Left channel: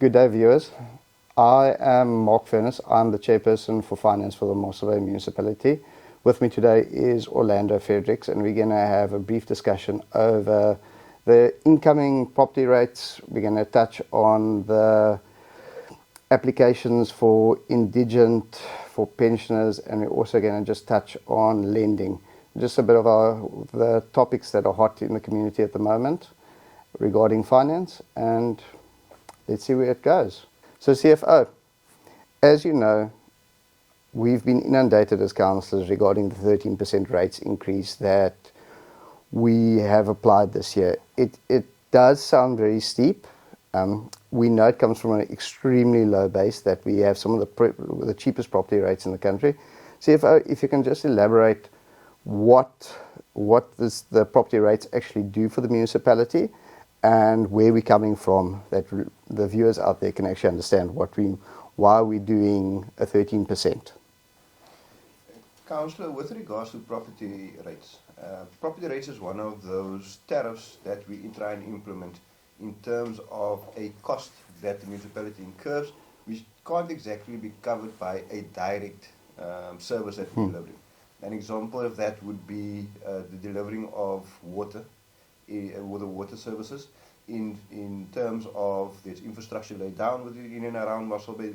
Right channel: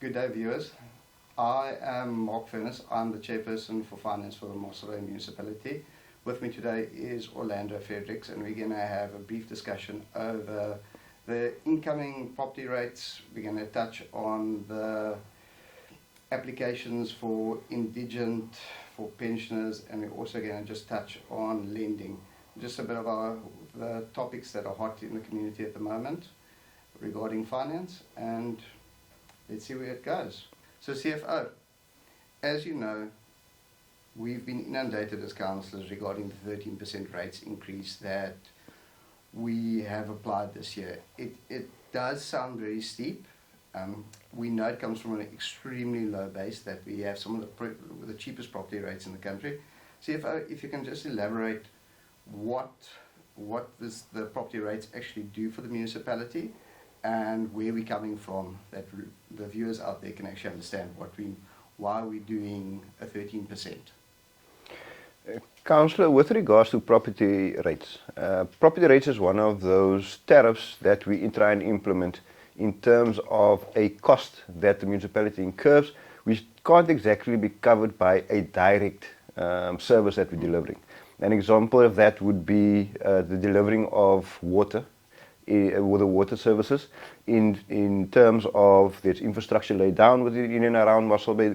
Good day, viewers. I am Mark Furness. I'm the chairperson for finance for the Mossel Bay municipality. With me today is Orlando Fredericks, and we're going to have a brief discussion over the incoming property rates. We're going to touch on the applications for indigent, for pensioners, and we're also going to just touch on lending. Just a bit of the topics that are hot in the community at the moment regarding finance, and let's see where it goes. So CFO, as you know, we've been inundated as councillors regarding the 13% rates increase that we have applied this year. It does sound very steep. We know it comes from an extremely low base, that we have some of the cheapest property rates in the country. CFO, if you can just elaborate what the property rates actually do for the municipality, and where we're coming from, that the viewers out there can actually understand why we're doing a 13%. Councillor, with regards to property rates is one of those tariffs that we try and implement in terms of a cost that the municipality incurs, which can't exactly be covered by a direct service that we're delivering. An example of that would be the delivering of water, with the water services, in terms of there's infrastructure laid down within and around Mossel Bay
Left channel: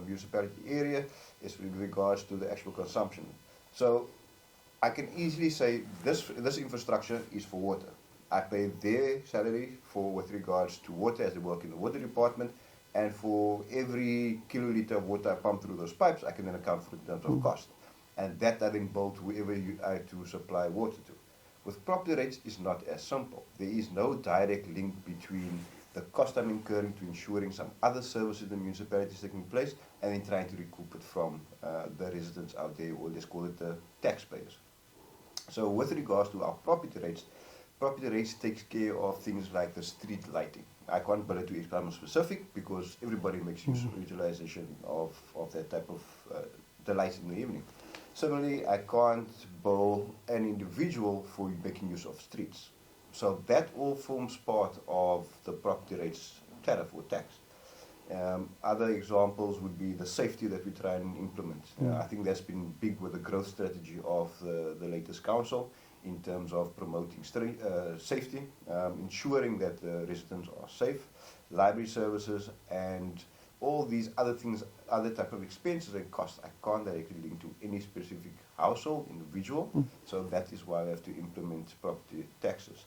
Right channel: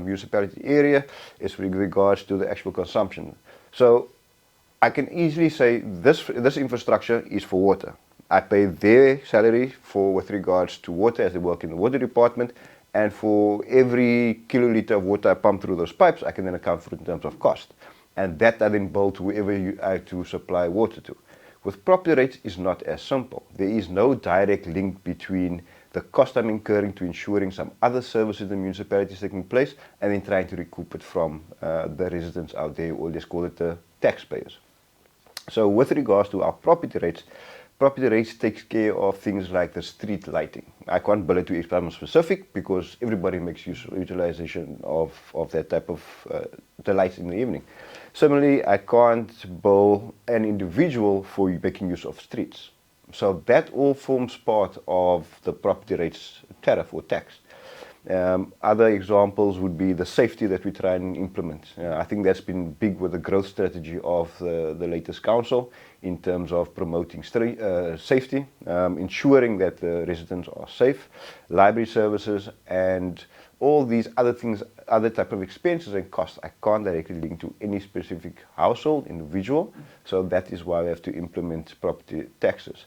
municipality area, is with regards to the actual consumption. So I can easily say this infrastructure is for water. I pay their salary with regards to water, as they work in the water department, and for every kiloliter of water I pump through those pipes, I can then account for it in terms of cost. And that I then bill to whoever I to supply water to. With property rates, it's not as simple. There is no direct link between the cost I'm incurring to ensuring some other services in the municipality is taking place, and then trying to recoup it from the residents out there, or let's call it the taxpayers. So with regards to our property rates takes care of things like the street lighting. I can't bill it to each person specific, because everybody makes utilization of that type of the lights in the evening. Similarly, I can't bill an individual for making use of streets. So that all forms part of the property rates tariff or tax. Other examples would be the safety that we try and implement. I think that's been big with the growth strategy of the latest council, in terms of promoting safety, ensuring that the residents are safe, library services, and all these other things, other type of expenses and costs, I can't directly link to any specific household, individual. So that is why we have to implement property taxes.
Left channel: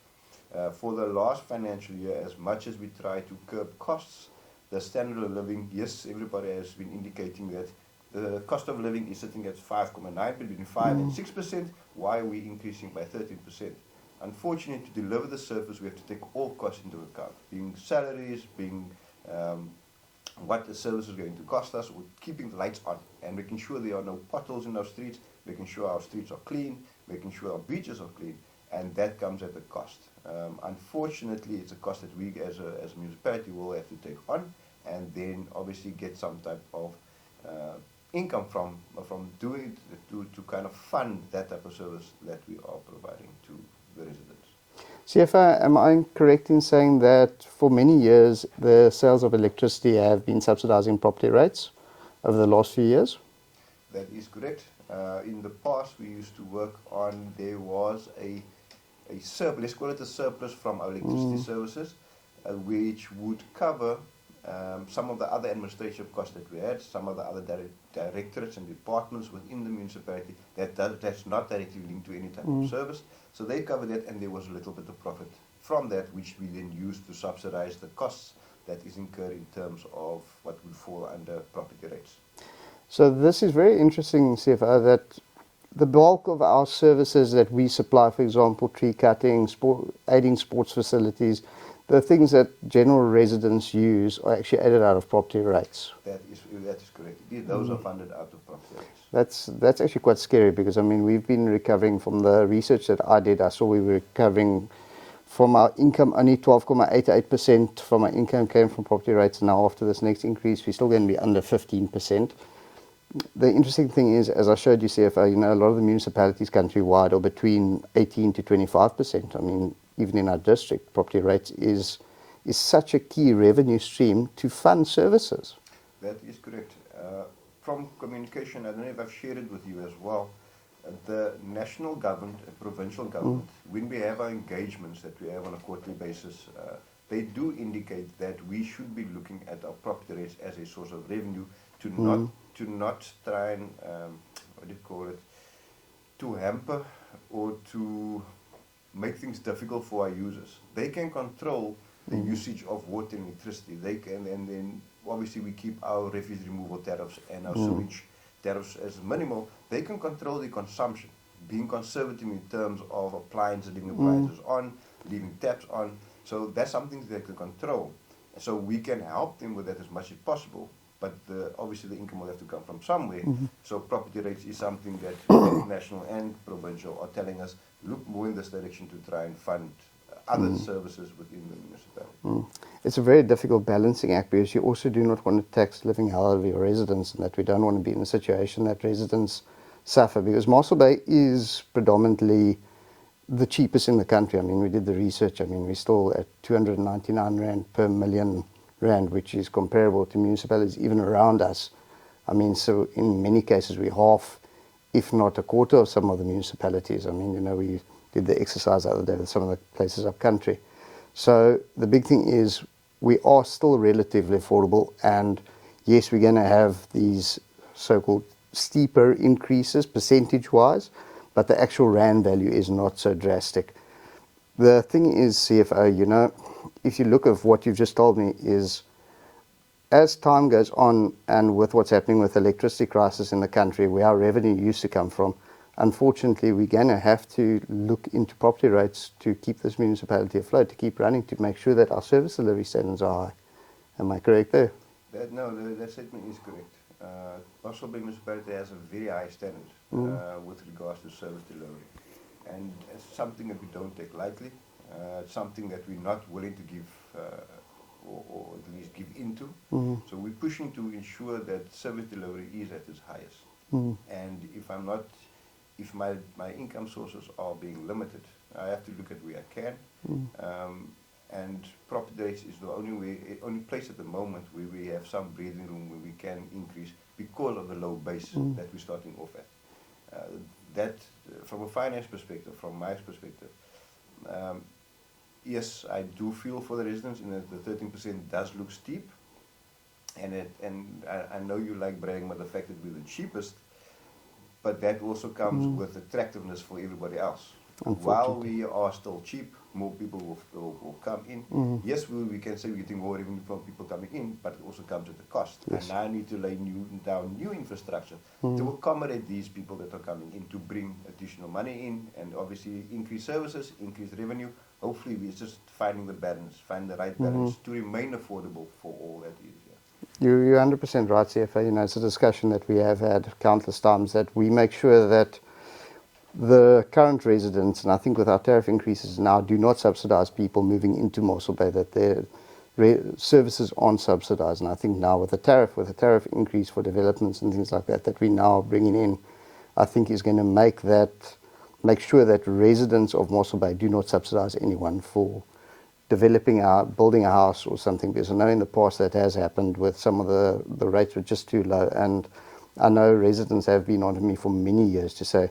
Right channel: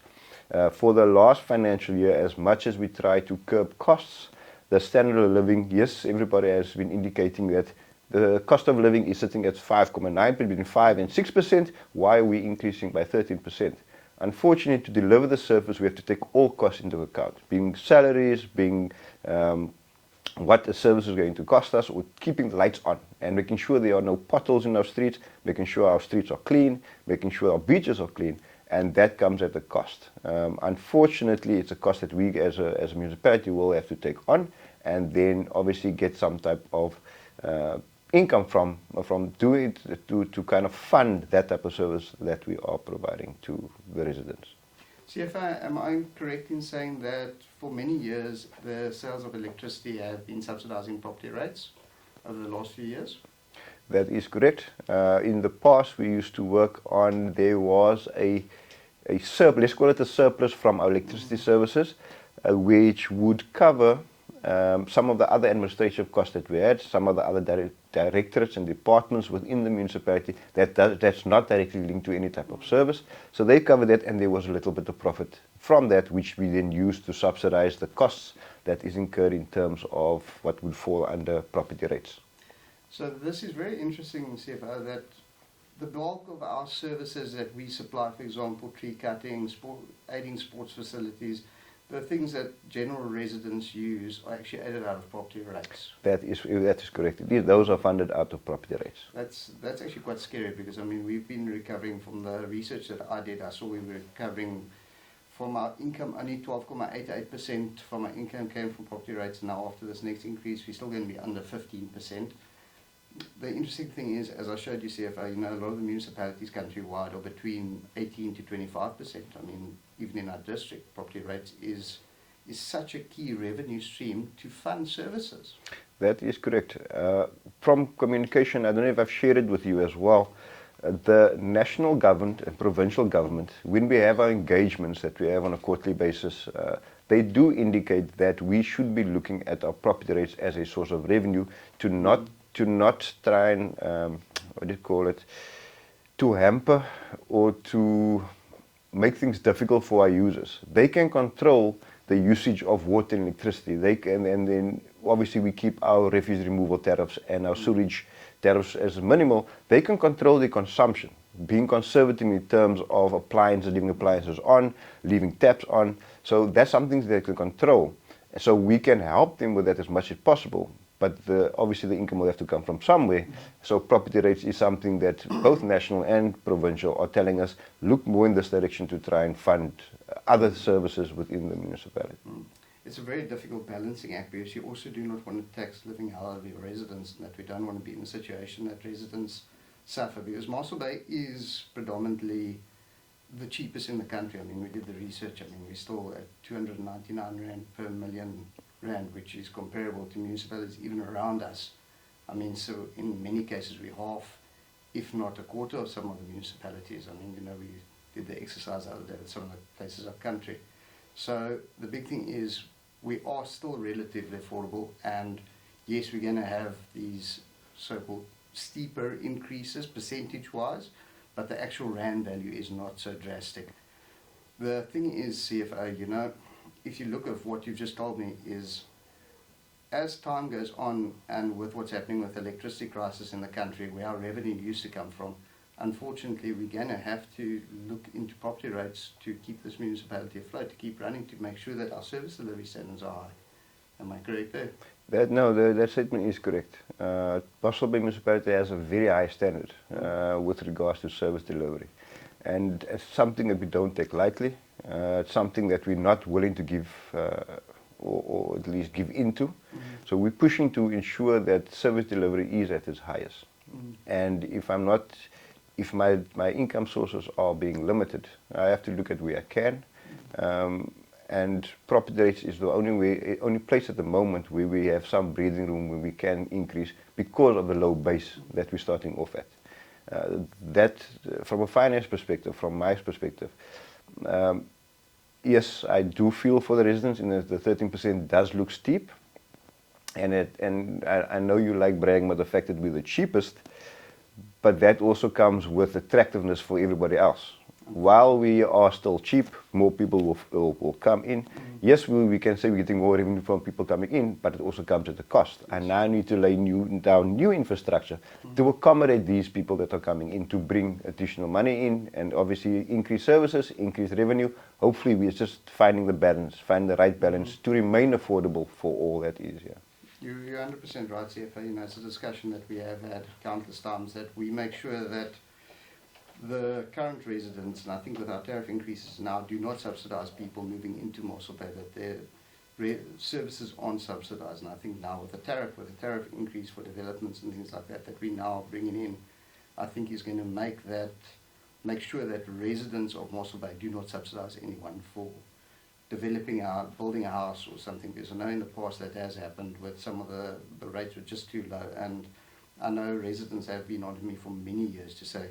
For the last financial year, as much as we try to curb costs, the standard of living, yes, everybody has been indicating that the cost of living is sitting at 5.9, between 5 and 6%. Why are we increasing by 13%? Unfortunately, to deliver the service, we have to take all costs into account, being salaries, being what the service is going to cost us, or keeping the lights on, and making sure there are no potholes in our streets, making sure our streets are clean, making sure our beaches are clean, and that comes at a cost. Unfortunately, it's a cost that we as a municipality will have to take on, and then obviously get some type of income from doing it to kind of fund that type of service that we are providing to the residents. CFO, am I correct in saying that for many years the sales of electricity have been subsidizing property rates over the last few years? That is correct. In the past, we used to work on, there was a surplus, let's call it a surplus from our electricity services, which would cover some of the other administrative costs that we had, some of the other directorates and departments within the municipality that's not directly linked to any type of service. So they covered that, and there was a little bit of profit from that, which we then used to subsidize the costs that is incurred in terms of what would fall under property rates. So this is very interesting, CFO, that the bulk of our services that we supply, for example, tree cutting, aiding sports facilities, the things that general residents use are actually aided out of property rates. That is correct. Those are funded out of property rates. That's actually quite scary, because I mean, we've been recovering from the research that I did. I saw we were recovering from our income, only 12.88% from our income came from property rates. Now after this next increase, we're still going to be under 15%. The interesting thing is, as I showed you, CFO, you know, a lot of the municipalities countrywide are between 18 to 25%. I mean, even in our district, property rates is is such a key revenue stream to fund services. That is correct. From communication, I don't know if I've shared it with you as well, the national government and provincial government, when we have our engagements that we have on a quarterly basis, they do indicate that we should be looking at our property rates as a source of revenue to not try and, what do you call it, to hamper or to make things difficult for our users. They can control the usage of water and electricity. They can, and then obviously we keep our refuse removal tariffs and our sewage tariffs as minimal. They can control the consumption, being conservative in terms of appliances, leaving appliances on, leaving taps on. So that's something they can control. So we can help them with that as much as possible. But obviously the income will have to come from somewhere. So property rates is something that both national and provincial are telling us, look more in this direction to try and fund other services within the municipality. It's a very difficult balancing act because you also do not want to tax living hell of your residents, and that we don't want to be in a situation that residents suffer, because Mossel Bay is predominantly the cheapest in the country. I mean, we did the research. I mean, we're still at 299 Rand per million Rand, which is comparable to municipalities even around us. I mean, so in many cases we're half, if not a quarter of some of the municipalities. I mean, you know, we did the exercise the other day with some of the places up country. So the big thing is we are still relatively affordable, and yes, we're going to have these so-called steeper increases percentage-wise, but the actual Rand value is not so drastic. The thing is, CFO, you know, if you look at what you've just told me, is as time goes on and with what's happening with the electricity crisis in the country, where our revenue used to come from, unfortunately, we're going to have to look into property rates to keep this municipality afloat, to keep running, to make sure that our service delivery standards are high. Am I correct there? That statement is correct. Mossel Bay municipality has a very high standard with regards to service delivery. And it's something that we don't take lightly. It's something that we're not willing to give or at least give into. So we're pushing to ensure that service delivery is at its highest. And if my income sources are being limited, I have to look at where I can. And property rates is the only place at the moment where we have some breathing room where we can increase because of the low base that we're starting off at. That, from a finance perspective, from my perspective, yes, I do feel for the residents, and the 13% does look steep. And I know you like bragging about the fact that we're the cheapest, but that also comes with attractiveness for everybody else. While we are still cheap, more people will come in. Yes, we can say we're getting more revenue from people coming in, but it also comes at a cost. Yes. And now I need to lay down new infrastructure to accommodate these people that are coming in, to bring additional money in, and obviously increase services, increase revenue. Hopefully we're just finding the balance, find the right balance to remain affordable for all that is here. You're 100% right, CFO. You know, it's a discussion that we have had countless times, that we make sure that the current residents, and I think with our tariff increases now, do not subsidize people moving into Mossel Bay, that their services aren't subsidized. And I think now with a tariff increase for developments and things like that, that we now bringing in, I think is going to make sure that residents of Mossel Bay do not subsidize anyone for building a house or something, because I know in the past that has happened with some of the rates were just too low. And I know residents have been on to me for many years to say,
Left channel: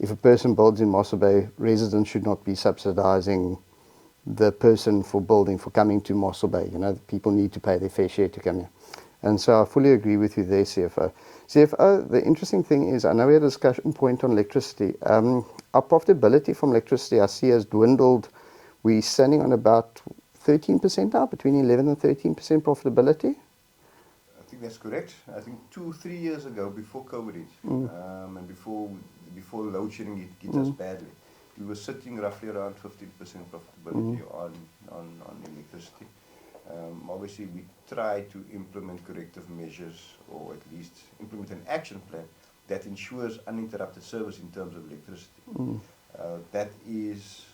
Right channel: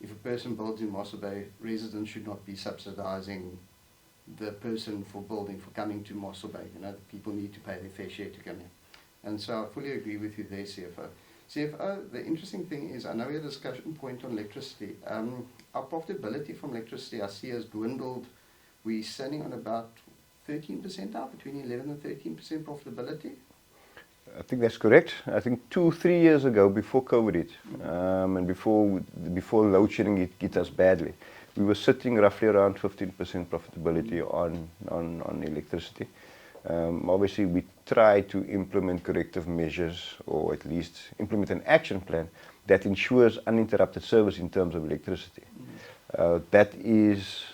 if a person builds in Mossel Bay, residents should not be subsidizing the person for coming to Mossel Bay. You know, people need to pay their fair share to come here. And so I fully agree with you there, CFO. CFO, the interesting thing is, I know we had a discussion point on electricity. Our profitability from electricity, I see, has dwindled. We're standing on about 13% now, between 11 and 13% profitability. I think that's correct. I think 2-3 years ago, before COVID hit, and before load shedding hit us badly, we were sitting roughly around 15% profitability on electricity. Obviously, we try to implement corrective measures, or at least implement an action plan that ensures uninterrupted service in terms of electricity. That is,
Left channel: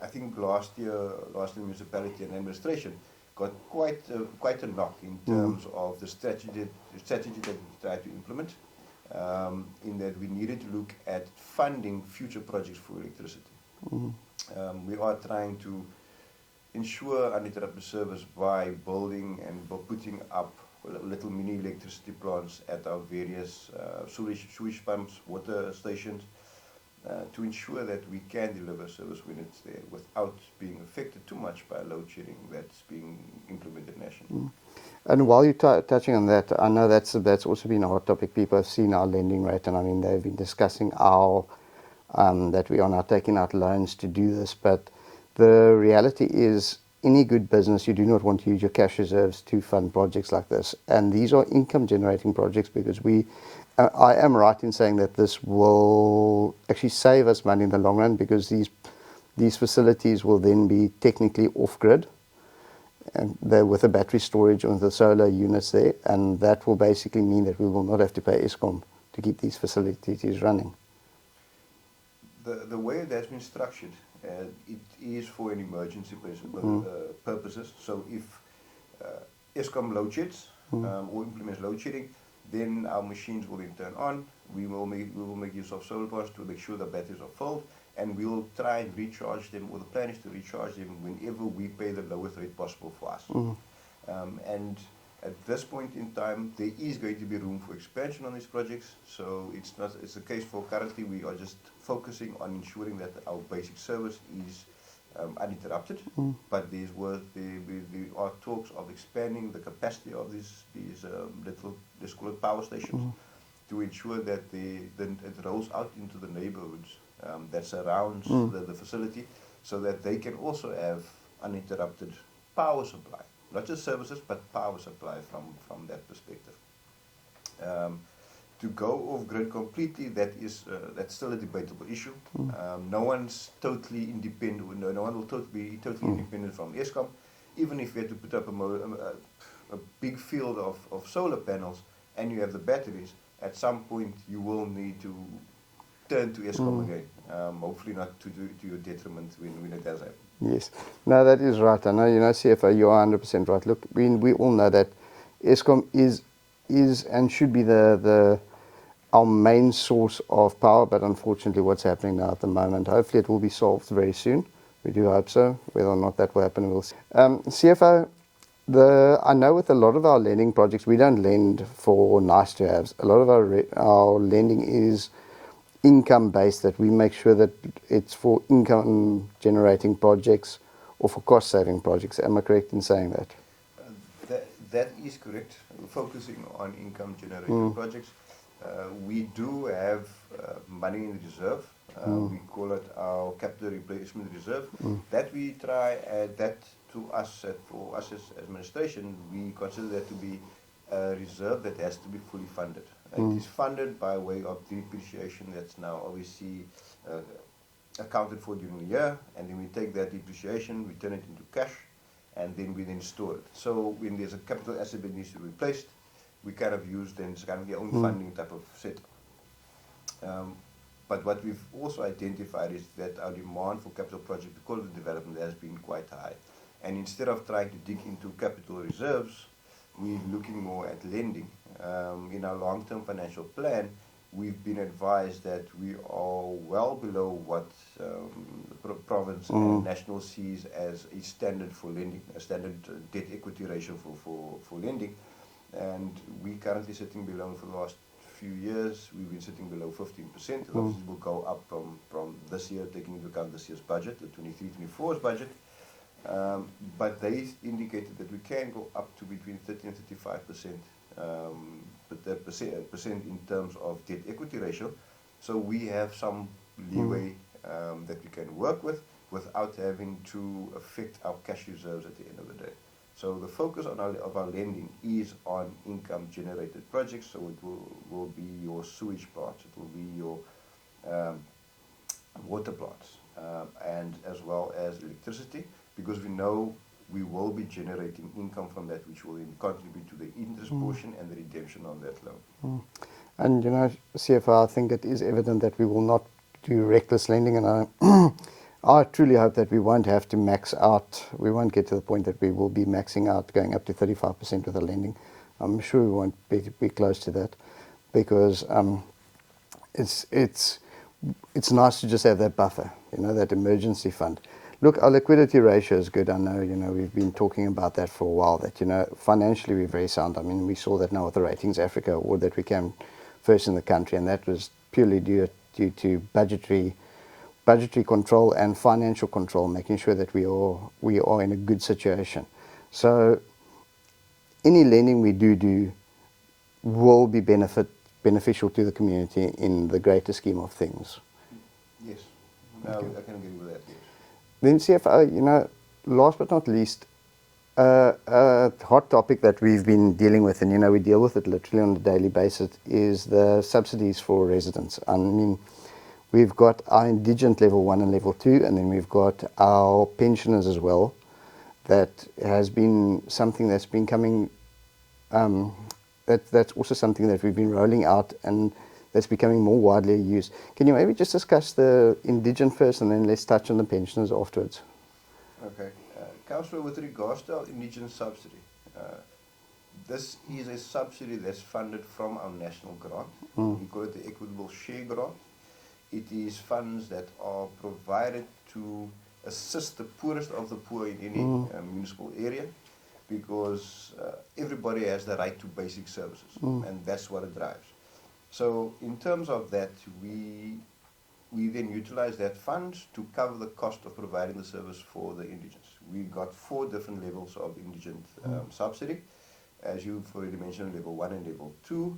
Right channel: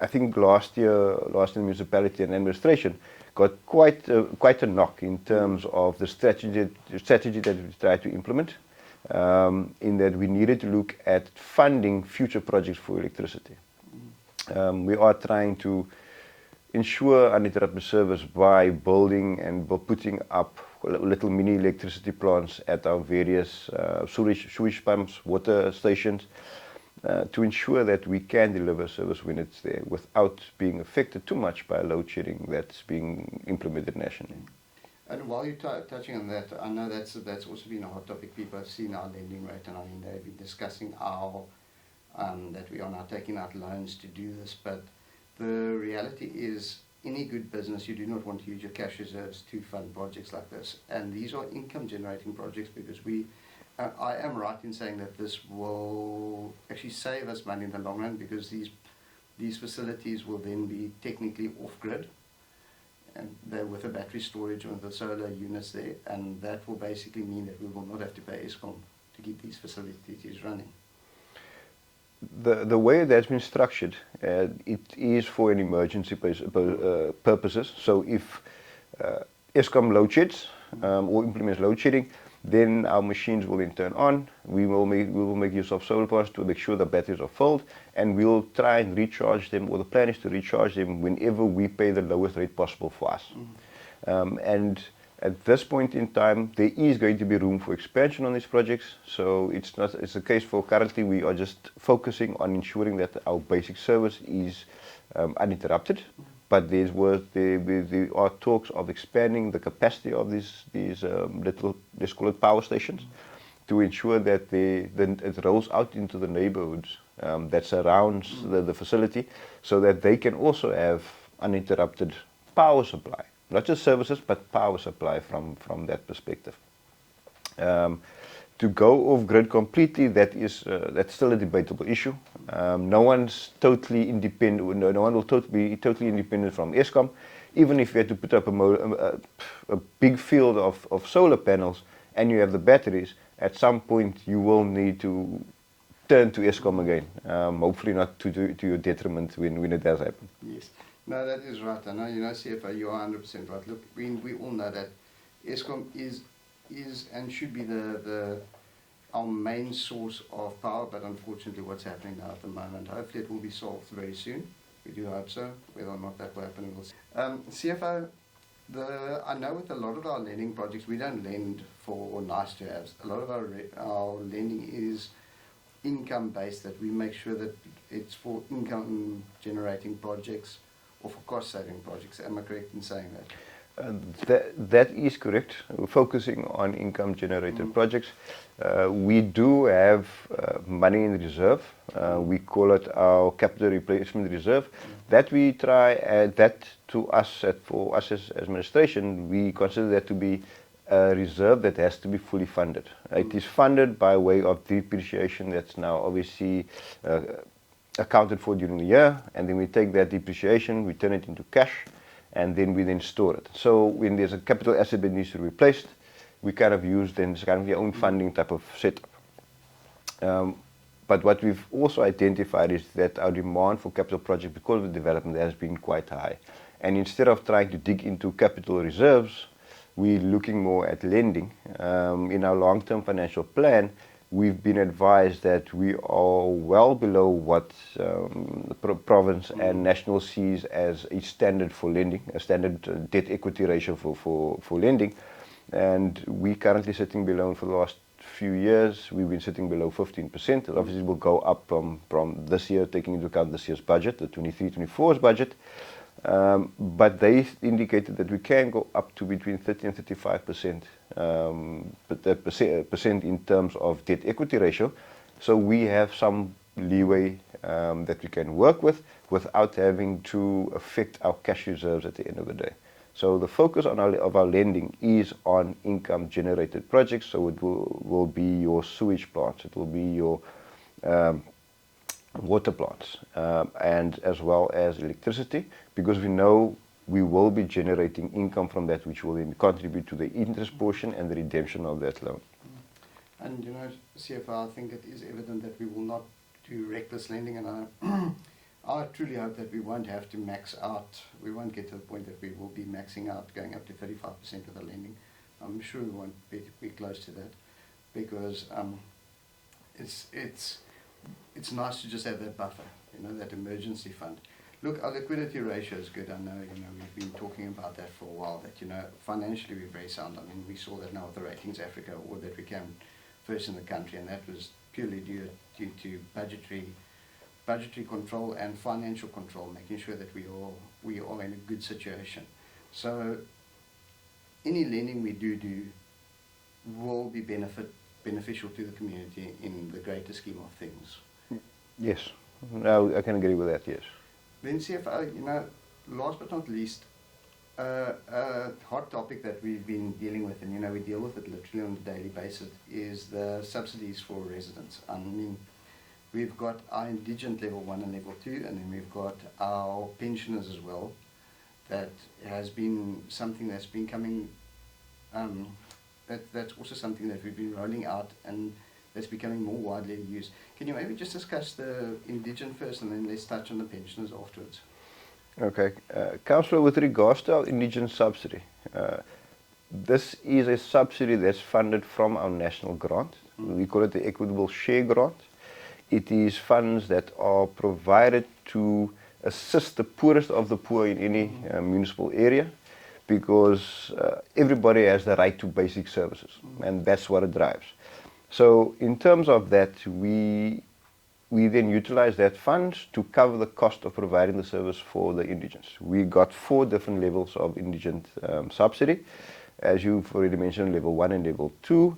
I think last year municipality and administration got quite a knock in terms of the strategy that we tried to implement, in that we needed to look at funding future projects for electricity. We are trying to ensure uninterrupted service by building and putting up little mini electricity plants at our various sewage pumps, water stations, to ensure that we can deliver service when it's there without being affected too much by load shedding that's being implemented nationally. And while you're touching on that, I know that's also been a hot topic. People have seen our lending rate, and I mean they've been discussing our that we are now taking out loans to do this. But the reality is, any good business, you do not want to use your cash reserves to fund projects like this. And these are income-generating projects because I am right in saying that this will actually save us money in the long run, because these facilities will then be technically off-grid, and they're with the battery storage on the solar units there, and that will basically mean that we will not have to pay Eskom to keep these facilities running. The way that's been structured, it is for an emergency purposes. So if Eskom load sheds or implements load shedding, then our machines will then turn on. We will make use of solar panels to make sure the batteries are filled, and we'll try and recharge them, or the plan is to recharge them whenever we pay the lowest rate possible for us. And at this point in time, there is going to be room for expansion on these projects. So it's a case for currently we are just focusing on ensuring that our basic service is uninterrupted. But there are talks of expanding the capacity of these little, let's call it power stations, to ensure that it rolls out into the neighborhoods that surrounds the facility, so that they can also have uninterrupted power supply. Not just services, but power supply from that perspective. To go off grid completely, that's still a debatable issue. No one's totally independent. No one will be totally independent from Eskom. Even if you had to put up a big field of solar panels and you have the batteries, at some point you will need to turn to Eskom again. Hopefully not to your detriment when it does happen. Yes. No, that is right. I know, CFO, you are 100% right. Look, we all know that Eskom is and should be our main source of power, but unfortunately what's happening now at the moment, hopefully it will be solved very soon. We do hope so. Whether or not that will happen, we'll see. CFO, I know with a lot of our lending projects, we don't lend for nice to haves. A lot of our lending is income based, that we make sure that it's for income generating projects or for cost saving projects. Am I correct in saying that? That is correct. We're focusing on income generated projects. We do have money in reserve. We call it our capital replacement reserve. That we try, that to us, for us as administration, we consider that to be a reserve that has to be fully funded. It is funded by way of depreciation that's now obviously accounted for during the year, and then we take that depreciation, we turn it into cash, and then we store it. So when there's a capital asset that needs to be replaced, we kind of use then it's kind of your own funding type of setup. But what we've also identified is that our demand for capital projects, because of the development, has been quite high. And instead of trying to dig into capital reserves, we're looking more at lending. In our long-term financial plan, we've been advised that we are well below what the province and national sees as a standard for lending, a standard debt equity ratio for lending. And we're currently sitting below, for the last few years, we've been sitting below 15%. And obviously, will go up from this year, taking into account this year's budget, the 23-24's budget. But they indicated that we can go up to between 30 and 35% percent in terms of debt equity ratio. So we have some leeway that we can work with without having to affect our cash reserves at the end of the day. So the focus of our lending is on income generated projects. So it will be your sewage plants, it will be your water plants, and as well as electricity, because we know we will be generating income from that, which will then contribute to the interest portion and the redemption of that loan. And CFO, I think it is evident that we will not do reckless lending, and I truly hope that we won't have to max out. We won't get to the point that we will be maxing out, going up to 35% with the lending. I'm sure we won't be close to that, because it's nice to just have that buffer, that emergency fund. Look, our liquidity ratio is good. I know, we've been talking about that for a while, that, financially we're very sound. I mean, we saw that now with the Ratings Africa award that we came first in the country, and that was purely due to budgetary control and financial control, making sure that we are in a good situation. So any lending we do will be beneficial to the community in the greater scheme of things. Yes, no, I can agree with that, yes. Then CFO, last but not least, a hot topic that we've been dealing with, and we deal with it literally on a daily basis, is the subsidies for residents. I mean, we've got our indigent level 1 and level 2, and then we've got our pensioners as well. That has been something that's been coming, that's also something that we've been rolling out, and that's becoming more widely used. Can you maybe just discuss the indigent first, and then let's touch on the pensioners afterwards? Okay. Councillor, with regards to our indigent subsidy, this is a subsidy that's funded from our national grant. We call it the Equitable Share Grant. It is funds that are provided to assist the poorest of the poor in any municipal area, because everybody has the right to basic services, and that's what it drives. So in terms of that, we then utilize that funds to cover the cost of providing the service for the indigents. We got 4 different levels of indigent subsidy. As you've already mentioned, level 1 and level 2.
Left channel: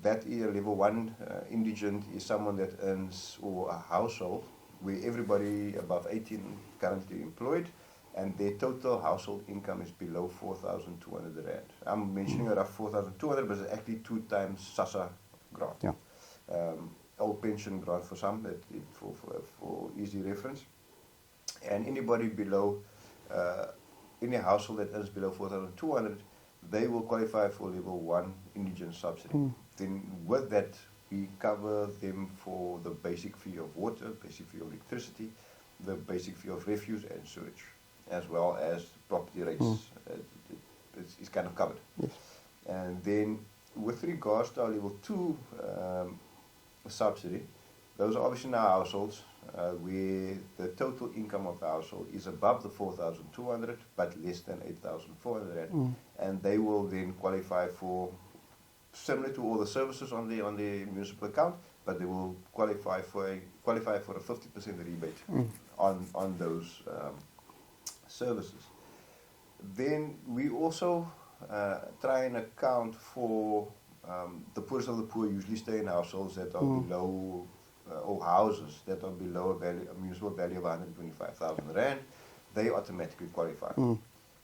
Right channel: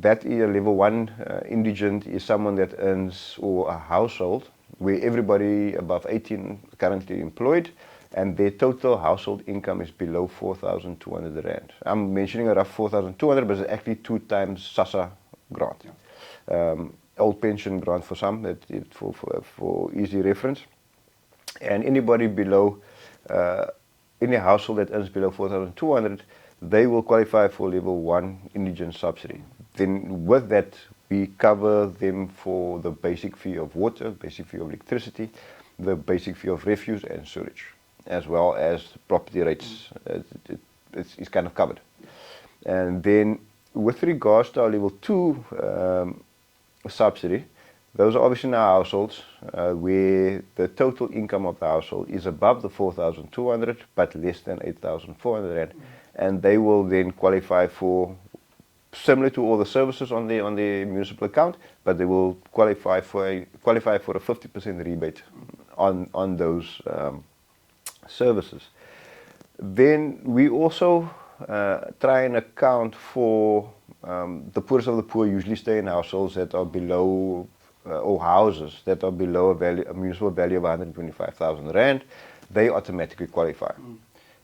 That is a level 1 indigent is someone that earns, or a household where everybody above 18 currently employed, and their total household income is below 4,200 rand. I'm mentioning a rough 4,200, but it's actually 2 times SASSA grant. Yeah. Old pension grant for some, for easy reference. And anybody below, any household that earns below 4,200, they will qualify for level 1 indigent subsidy. Then with that, we cover them for the basic fee of water, basic fee of electricity, the basic fee of refuse and sewage, as well as property rates. It's kind of covered. Yes. And then with regards to our level 2 subsidy, those are obviously in our households where the total income of the household is above the 4,200 but less than 8,400 rand, and they will then qualify for, similar to all the services on the municipal account, but they will qualify for a 50% rebate on those services. Then we also try and account for the poorest of the poor. Usually stay in households that are below, or houses that are below a municipal value of 125,000 rand. They automatically qualify.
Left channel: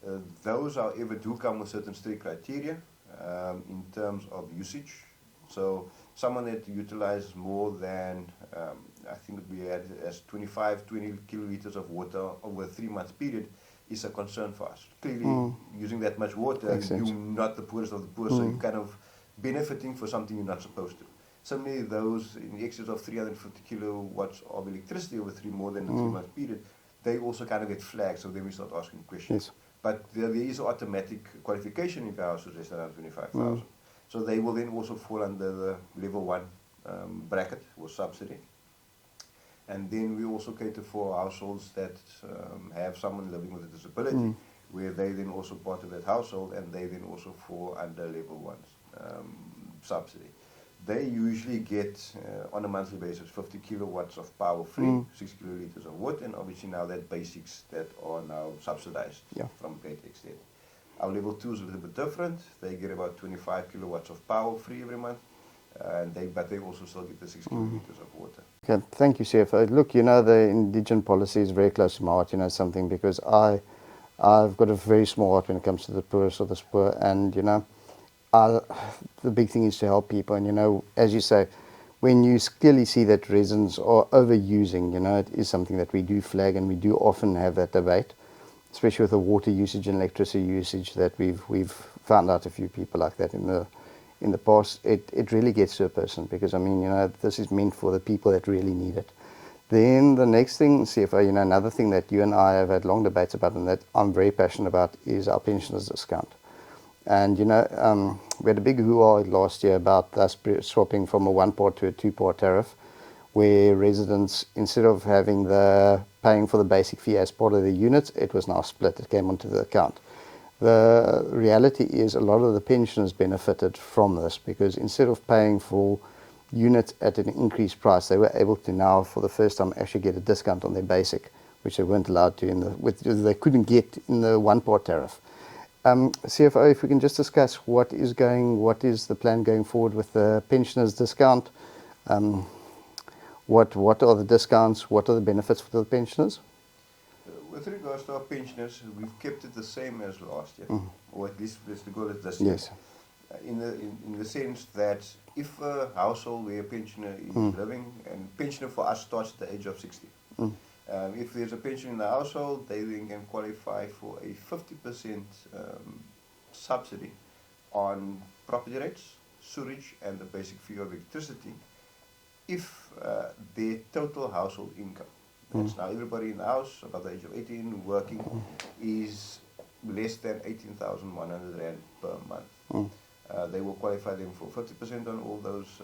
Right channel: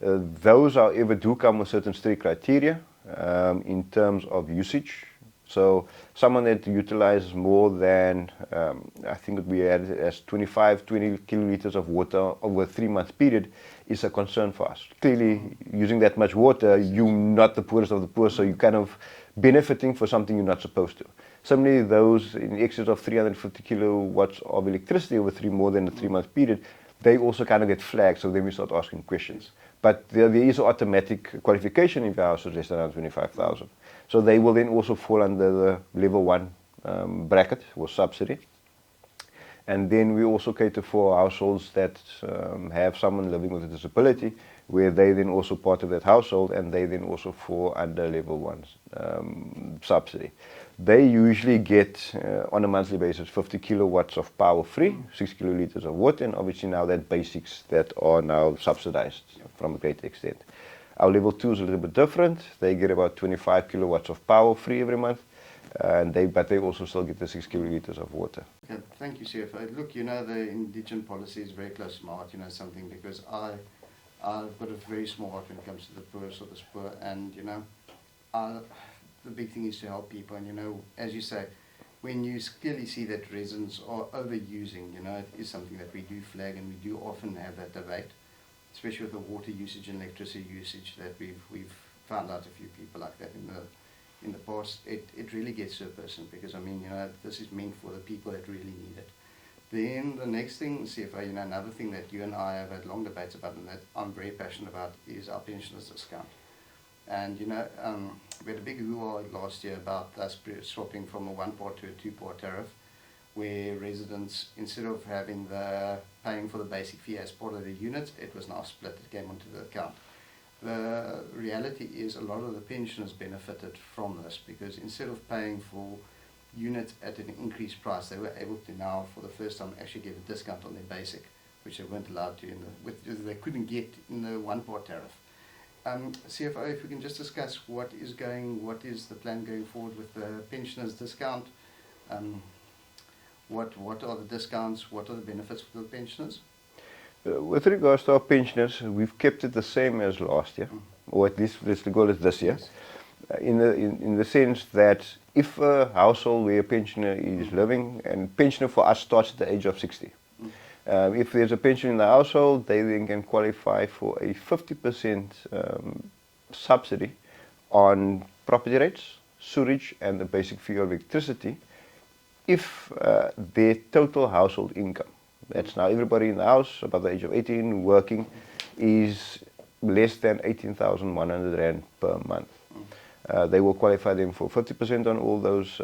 Those, however, do come with certain strict criteria in terms of usage. So someone that utilizes more than, I think we had as 20 kiloliters of water over a 3-month period is a concern for us. Clearly, using that much water, you're not the poorest of the poor, so you're kind of benefiting for something you're not supposed to. Similarly, those in excess of 350 kilowatts of electricity over more than a 3-month period, they also kind of get flagged, so then we start asking questions. Yes. But there is automatic qualification if the house is less than 125,000. So they will then also fall under the level 1 bracket or subsidy. And then we also cater for households that have someone living with a disability, where they then also part of that household, and they then also fall under level 1 subsidy. They usually get, on a monthly basis, 50 kilowatts of power free, 6 kiloliters of water, and obviously now that basics that are now subsidized from a great extent. Our level 2 is a little bit different. They get about 25 kilowatts of power free every month, but they also still get the 6 kiloliters of water. Okay, thank you, CFO. Look, the indigent policy is very close to my heart, something, because I've got a very small heart when it comes to the poorest of the poor, and, the big thing is to help people. And, as you say, when you clearly see that residents are overusing, it is something that we do flag, and we do often have that debate, especially with the water usage and electricity usage, that we've found out a few people like that in the past. It really gets to a person, because, this is meant for the people that really need it. Then the next thing, CFO, another thing that you and I have had long debates about, and that I'm very passionate about, is our pensioners discount. And, we had a big hoo-ha last year about us swapping from a 1-part to a 2-part tariff, where residents, instead of having the paying for the basic fee as part of the unit, it was now split. It came onto the account. The reality is a lot of the pensioners benefited from this, because instead of paying for units at an increased price, they were able to now, for the first time, actually get a discount on their basic, which they weren't allowed to they couldn't get in the one-part tariff. CFO, if we can just discuss what is the plan going forward with the pensioners discount? What are the discounts? What are the benefits for the pensioners? With regards to our pensioners, we've kept it the same as last year, or at least let's call it this year. Yes. In the sense that if a household where a pensioner is living, and pensioner for us starts at the age of 60. If there's a pension in the household, they then can qualify for a 50% subsidy on property rates, sewage, and the basic fee of electricity if their total household income, that's now everybody in the house above the age of 18 working, is less than 18,100 Rand per month. They will qualify them for 50% on all those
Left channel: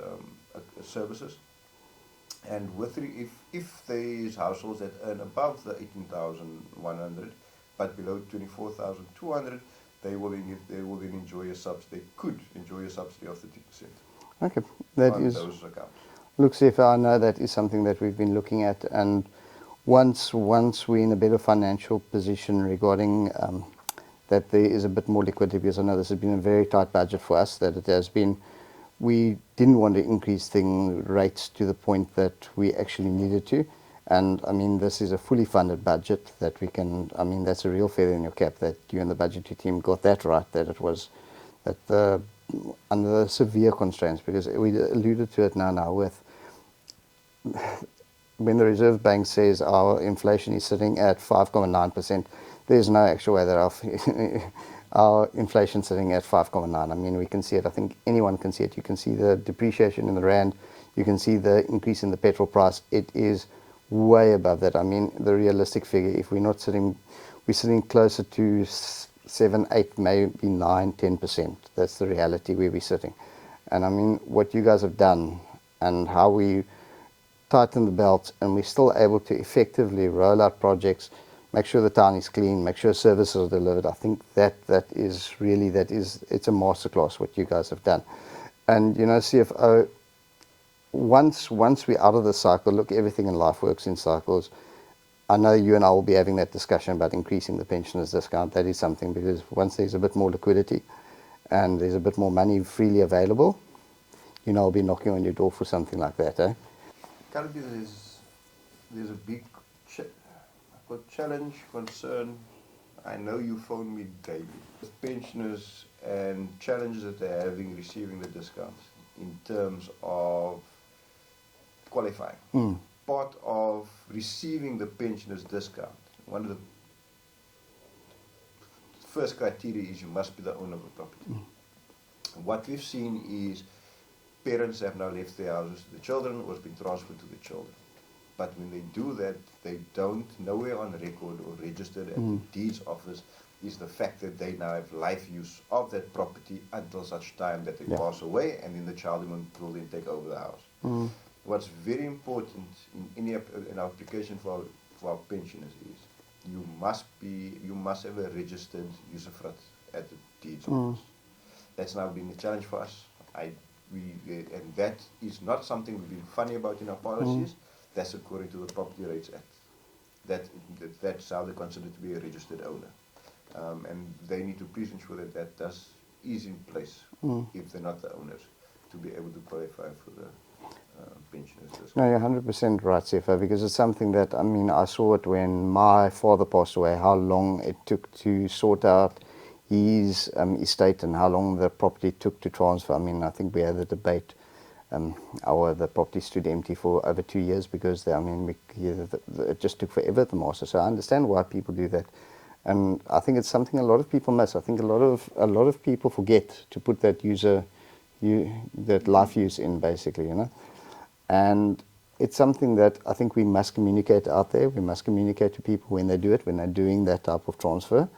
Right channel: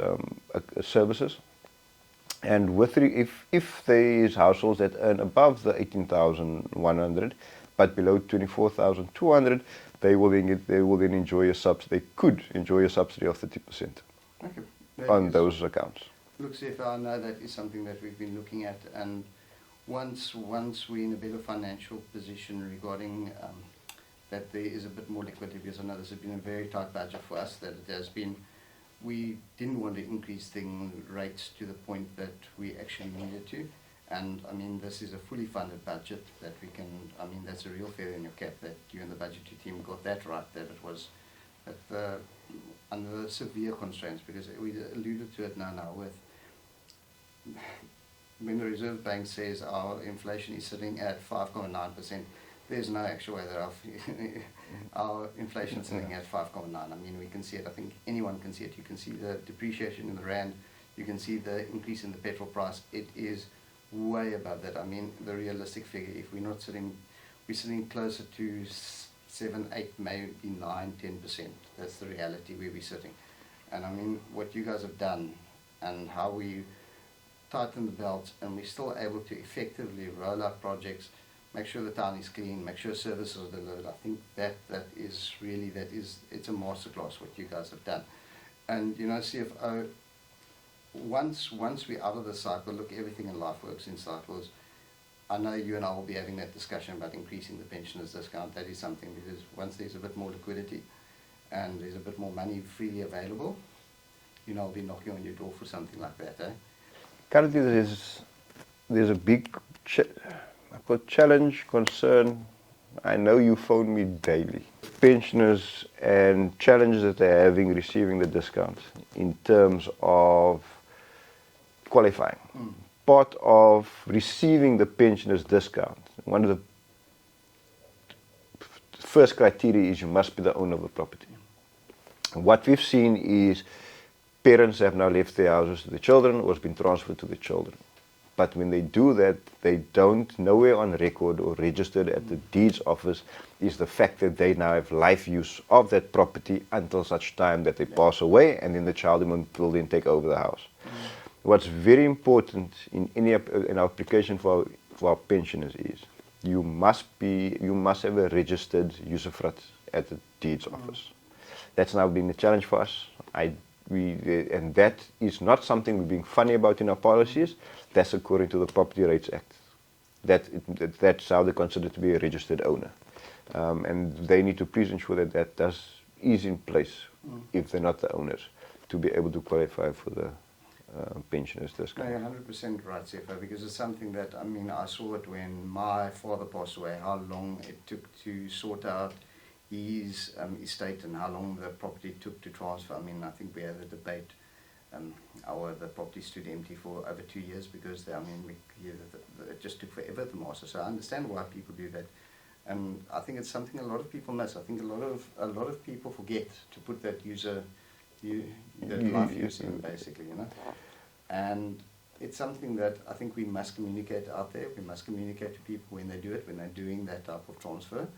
services. And if there is households that earn above the 18,100 but below 24,200, they will then enjoy a subsidy. They could enjoy a subsidy of 30% Okay, on those accounts. Look, CFO, I know that is something that we've been looking at, and once we're in a better financial position regarding that there is a bit more liquidity, because I know this has been a very tight budget for us, that it has been. We didn't want to increase rates to the point that we actually needed to. And I mean, this is a fully funded budget that we can, I mean, that's a real feather in your cap that you and the budgetary team got that right, that it was, that under the severe constraints, because we alluded to it now with, when the Reserve Bank says our inflation is sitting at 5.9%, there's no actual way that our inflation sitting at 5.9. I mean, we can see it. I think anyone can see it. You can see the depreciation in the rand. You can see the increase in the petrol price. It is way above that. I mean, the realistic figure, if we're not sitting, we're sitting closer to 7, 8, maybe 9, 10%. That's the reality where we're sitting. And I mean, what you guys have done and how we tighten the belt, and we're still able to effectively roll out projects, make sure the town is clean, make sure services are delivered. I think it's a masterclass what you guys have done. And you know, CFO, once we're out of the cycle, look, everything in life works in cycles. I know you and I will be having that discussion about increasing the pensioners discount. That is something, because once there's a bit more liquidity and there's a bit more money freely available, you know, I'll be knocking on your door for something like that, eh? Currently, there's a big challenge, concern. I know you phone me daily. Pensioners and challenges that they're having receiving the discounts in terms of qualifying. Part of receiving the pensioners discount, one of the first criteria is you must be the owner of the property. What we've seen is parents have now left their houses to the children or has been transferred to the children. But when they do that, they don't, nowhere on record or registered at the deeds office is the fact that they now have life use of that property until such time that they pass away, and then the child will then take over the house. What's very important in our application for our pensioners is you must have a registered usufruct at the deeds office. That's now been a challenge for us. And that is not something we're being funny about in our policies. That's according to the Property Rates Act. That's how they're considered to be a registered owner. And they need to please ensure that is in place if they're not the owners, to be able to qualify for the pensioners discount. No, you're 100% right, CFO, because it's something that, I mean, I saw it when my father passed away, how long it took to sort out his estate and how long the property took to transfer. I mean, I think we had a debate. The property stood empty for over 2 years because it just took forever at the master. So I understand why people do that, and I think it's something a lot of people miss. I think a lot of people forget to put that life use in, basically, you know. And it's something that I think we must communicate out there. We must communicate to people when they do it, when they're doing that type of transfer,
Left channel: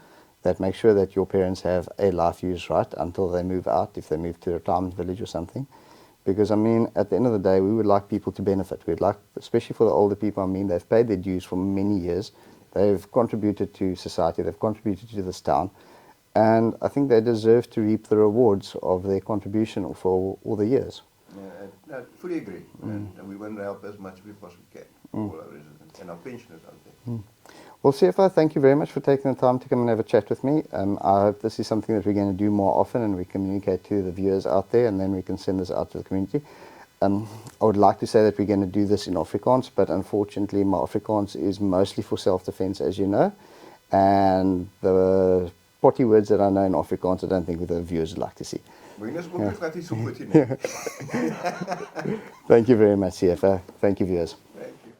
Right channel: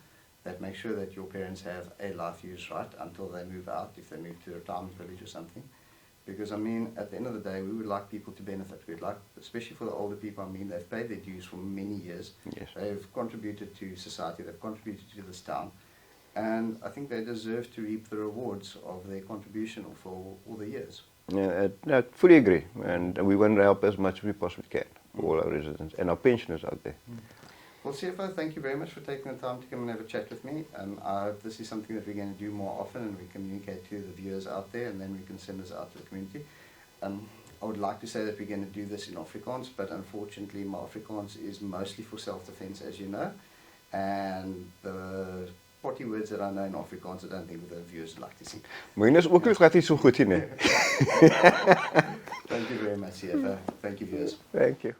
that make sure that your parents have a life use right until they move out, if they move to a retirement village or something. Because, I mean, at the end of the day, we would like people to benefit. We'd like, especially for the older people, I mean, they've paid their dues for many years. Yes. They've contributed to society. They've contributed to this town. And I think they deserve to reap the rewards of their contribution for all the years. Yeah, I fully agree. And we want to help as much as we possibly can, all our residents and our pensioners out there. Well, CFO, thank you very much for taking the time to come and have a chat with me. I hope this is something that we're going to do more often and we communicate to the viewers out there, and then we can send this out to the community. I would like to say that we're going to do this in Afrikaans, but unfortunately my Afrikaans is mostly for self-defense, as you know. And the potty words that I know in Afrikaans, I don't think the viewers would like to see. Thank Thank you very much, CFO. Thank you, viewers. you.